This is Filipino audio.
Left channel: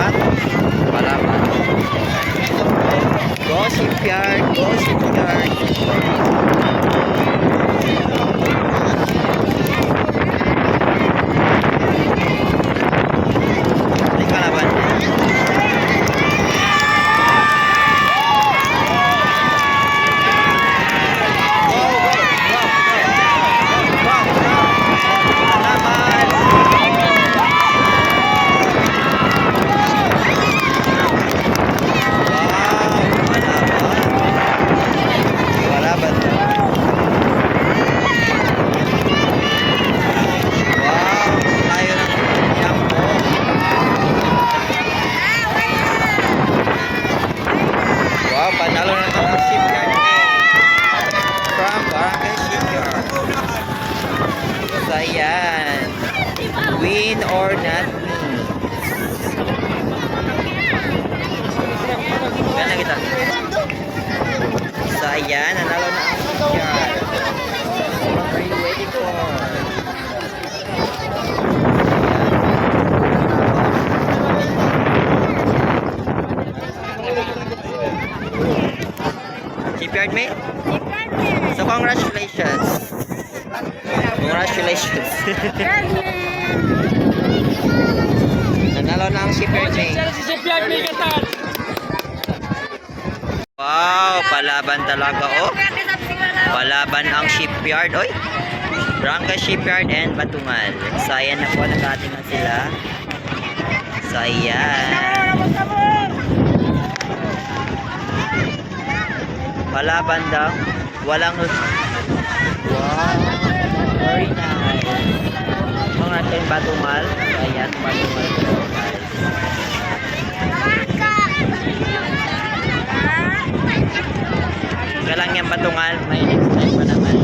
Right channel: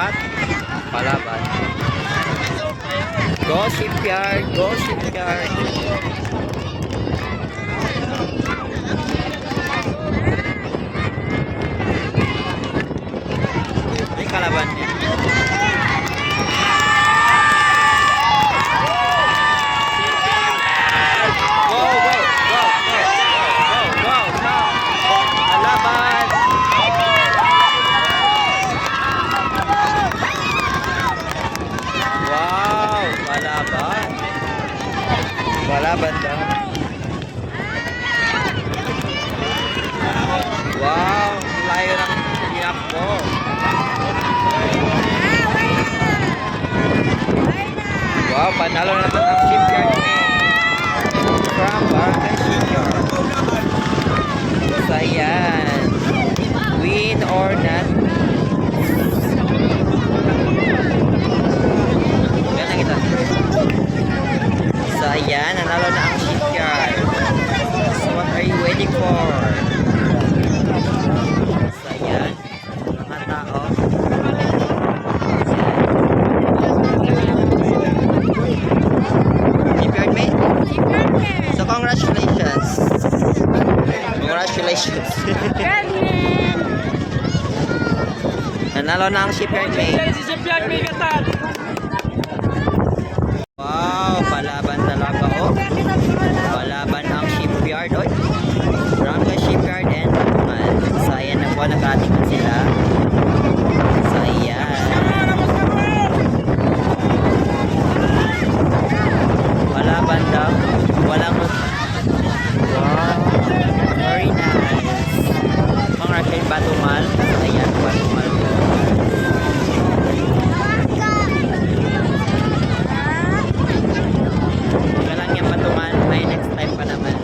apat. Palaban. Go Shipyard! Go Shipyard! May kalaban niya. Go! Go! Go! Go! Go! Go! Go! Kalaban! Wow! Kalaban! Kalaban daw. Wow! Layo ng iyak ko. Wow! Panalo na naman ang Shipyard Main from Barangay Shipyard. So ayan, win or not win. Gana kita. So ayan, nanalo na ang Shipyard. So what are you waiting for? So ayan, nanalo. Shipyard Main? So congratulations. Congratulations. Nanalo na ang Shipyard Main. Wow, palaban talaga oh. Palaban ang Shipyard oy. Barangay Shipyard and Batungan. So ayan na po, nag-ating na sila. So ayan. Palaban daw. Walang wow. Very nice. Congratulations Batungan. So ayan, Batungan po. Galang yung Batungan. May next time pa naman.